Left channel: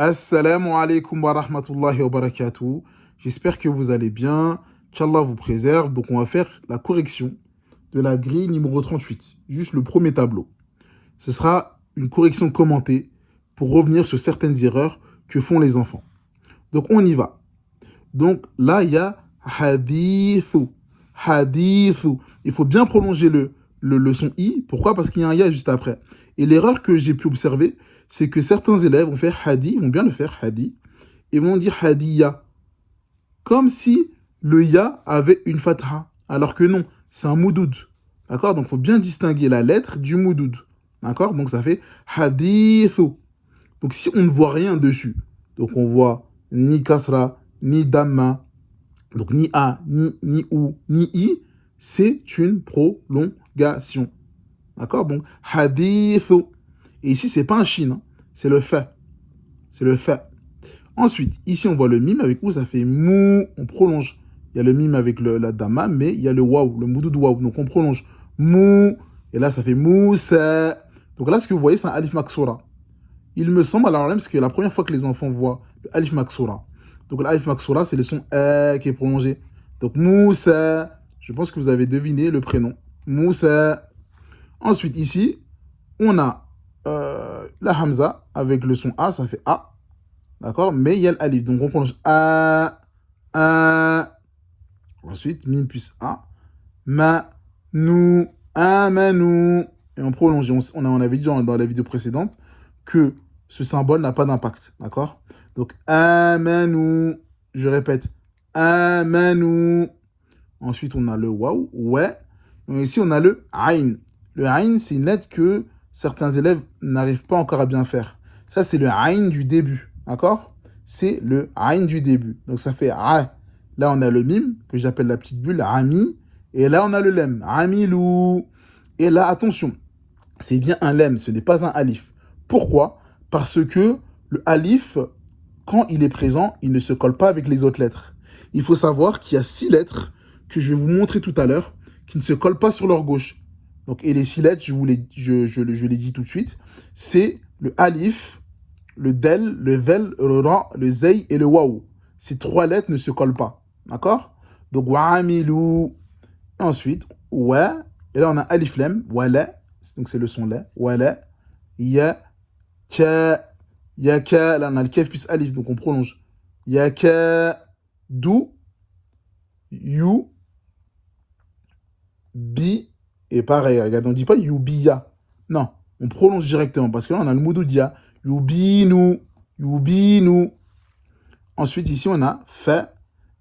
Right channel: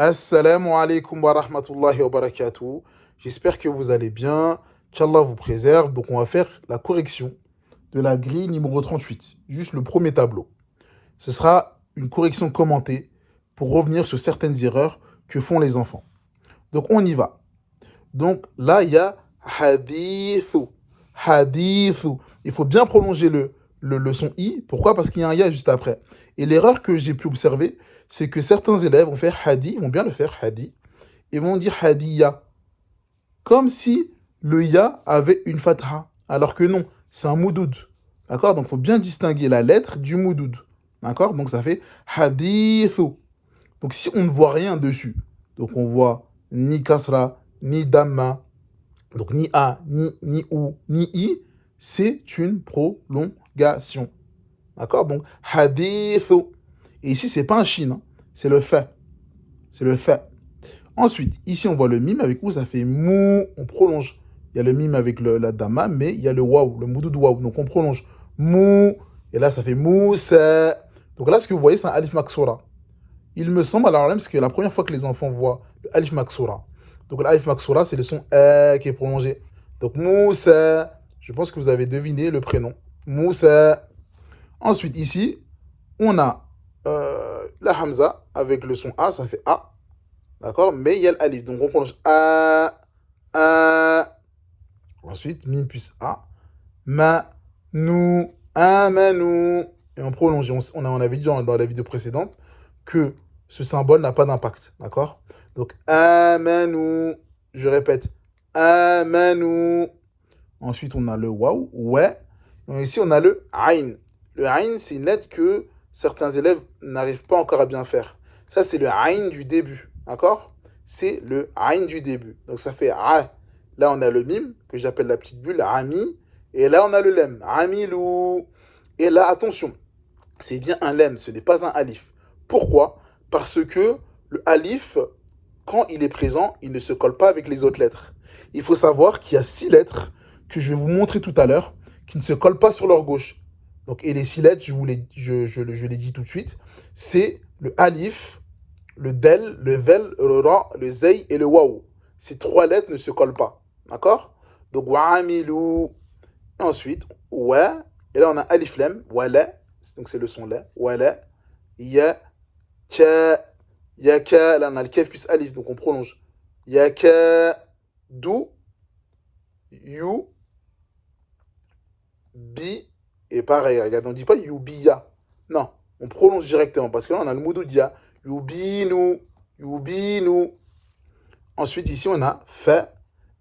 Assalamu alaikum wa rahmatullahi wa barakatuh. J'espère que vous allez bien, qu'Allah vous préserve. Donc on va faire la correction de la grille numéro 38, juste le premier tableau. Ce sera une correction commentée pour revenir sur certaines erreurs que font les enfants. Donc on y va. Donc là il y a hadithu. Hadithu. Il faut bien prolonger le son i. Pourquoi? Parce qu'il y a un ya juste après. Et l'erreur que j'ai pu observer, c'est que certains élèves vont faire hadi, vont bien le faire hadi, et vont dire hadiya, comme si le ya avait une fatha, alors que non, c'est un moudoud. D'accord? Donc il faut bien distinguer la lettre du moudoud. D'accord? Donc ça fait hadithu. Donc si on ne voit rien dessus, donc on voit ni kasra, ni damma, donc ni a, ni ou, ni i, c'est une prolongation. D'accord? Donc hadithu. Et ici, c'est pas un shin, hein, c'est le fait. C'est le fait. Ensuite, ici, on voit le mime avec où ça fait mou, on prolonge. Il y a le mime avec la dama, mais il y a le waouh, le moudou de waouh. Donc on prolonge mou, et là, ça fait moussa. Donc là, ce que vous voyez, c'est un alif maksura. Il me semble, alors même, parce que la première fois que les enfants voient le alif maksura, donc l'alif maksura, c'est le son qui est prolongé. Donc moussa, je pense que vous avez deviné le prénom. Moussa. Ensuite, ici, on a la hamza avec le son A, ça fait A. D'accord? Mais il y a l'alif. Donc on prononce A, A. Ensuite, mim plus A. Ma, nous, amanou. Et on prolonge. On avait dit dans la vidéo précédente que ce symbole n'a pas d'impact. D'accord? Donc amanou. Je répète. Amanou. Ensuite, on a le waouh. Ouais. Et ici, on a le aïn. Le aïn, c'est une lettre que certains élèves n'arrivent pas encore à bien faire. Ça, c'est le aïn du début. D'accord? C'est le aïn du début. Donc, ça fait a. Là, on a le mime, que j'appelle la petite bulle, ami. Et là, on a le lem, amilou. Et là, attention, c'est bien un lem, ce n'est pas un alif. Pourquoi? Parce que le alif, quand il est présent, il ne se colle pas avec les autres lettres. Il faut savoir qu'il y a 6 lettres que je vais vous montrer tout à l'heure qui ne se collent pas sur leur gauche. Donc, et les 6 lettres, je les dis tout de suite, c'est le alif, le del, le vel, le ra, le zei et le waou. Ces 3 lettres ne se collent pas. D'accord? Donc, wa'amilou. Ensuite, wa. Et là, on a alif lem, wala. Donc, c'est le son la. Wala. Ya. Ka. Yaka. Là, on a le kef plus alif. Donc, on prolonge. Yaka. Dou. You. Bi. Et pareil, regarde, on ne dit pas yubiya. Non, on prolonge directement parce que là, on a le moudoudia. Yubinu. Yubinu. Ensuite, ici, on a fa.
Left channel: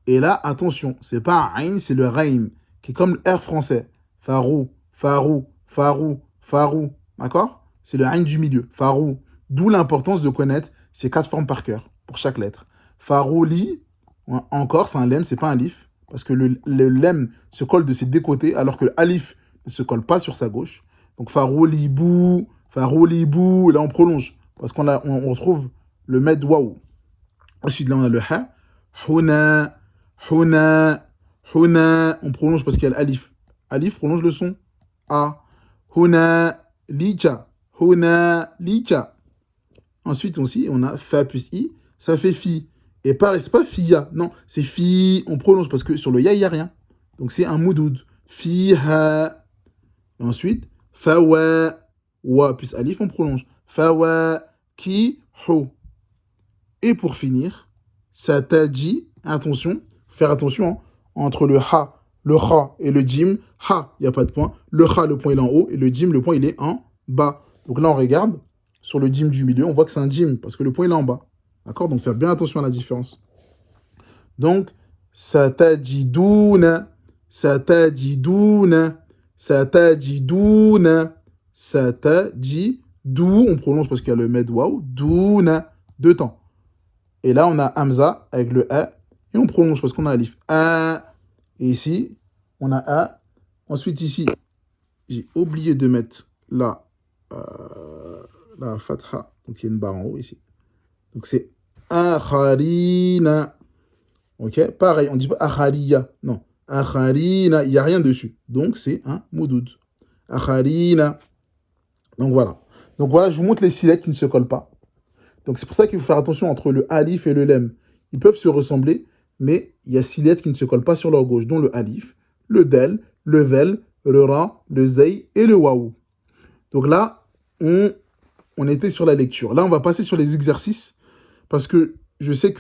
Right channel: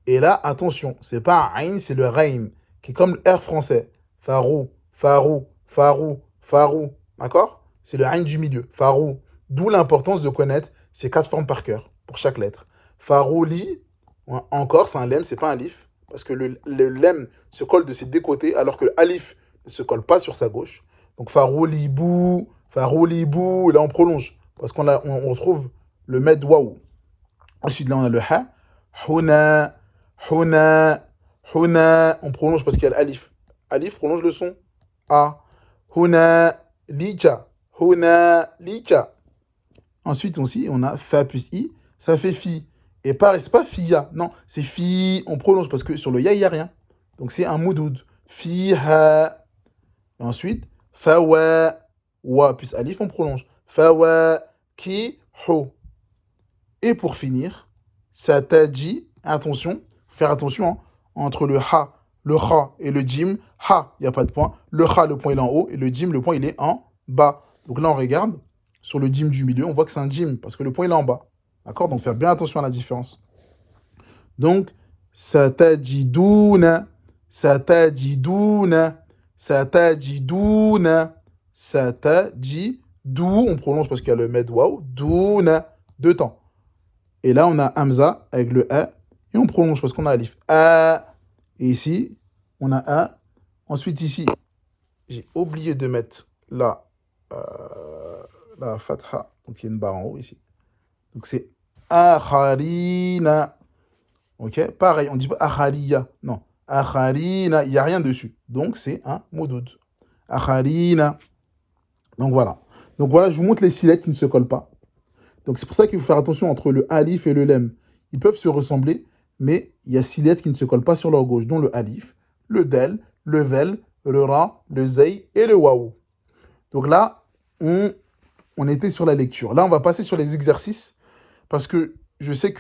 Et là, attention, c'est pas un aïn, c'est le rein, qui est comme le R français. Farou, farou, farou, farou. D'accord? C'est le aïn du milieu. Farou. D'où l'importance de connaître ces 4 formes par cœur, pour chaque lettre. Farouli, encore, c'est un lemme, c'est pas un lif. Parce que le lemme se colle de ses deux côtés, alors que le alif ne se colle pas sur sa gauche. Donc faroulibou, faroulibou, et là on prolonge. Parce on retrouve le med waouh. Ensuite, là on a le ha. Huna, huna, huna. On prolonge parce qu'il y a l'alif. Alif prolonge le son. A. Huna, lika. Huna, lika. Ensuite, aussi, on a fa plus i. Ça fait fi. Et pareil, c'est pas fia. Non, c'est fi. On prolonge parce que sur le ya, il n'y a rien. Donc c'est un moudoud. Fiha. Ensuite, fawa. Wa plus alif, on prolonge. Fawa, ki, hu. Et pour finir, ça t'a dit, attention, faire attention, hein, entre le ha, le kha et le jim. Ha, il n'y a pas de point. Le kha, le point il est en haut. Et le jim, le point il est en bas. Donc là, on regarde sur le jim du milieu. On voit que c'est un jim parce que le point il est en bas. D'accord? Donc faire bien attention à la différence. Donc, ça t'a dit douna, ça t'a dit douna, ça t'a dit douna, ça t'a dit dou. On prononce parce qu'il y a le med waouh. Douna. Deux temps. Et là, on a Hamza avec le A. Et on prolonge parce qu'on a Alif. A. Et ici, on a A. Ensuite, ici, j'ai oublié de mettre la fatha. Donc, il y a une barre en haut ici. Donc, c'est Akharina. Ok? Pareil, on ne dit pas Akhariya. Non. Akharina. Il n'y a rien dessus. Donc, c'est un moudoud. Akharina. Donc, voilà. Donc, voilà, je vous montre les 6 lettres qui ne se collent pas. Donc c'est pour ça qu'il faut faire attention entre le alif et le lem. Ils peuvent se ressembler, mais il y a 6 lettres qui ne se collent pas sur leur gauche, dont le alif, le del, le vel, le ra, le zei et le waou. Donc là, on était sur la lecture. Là, on va passer sur les exercices parce que je sais que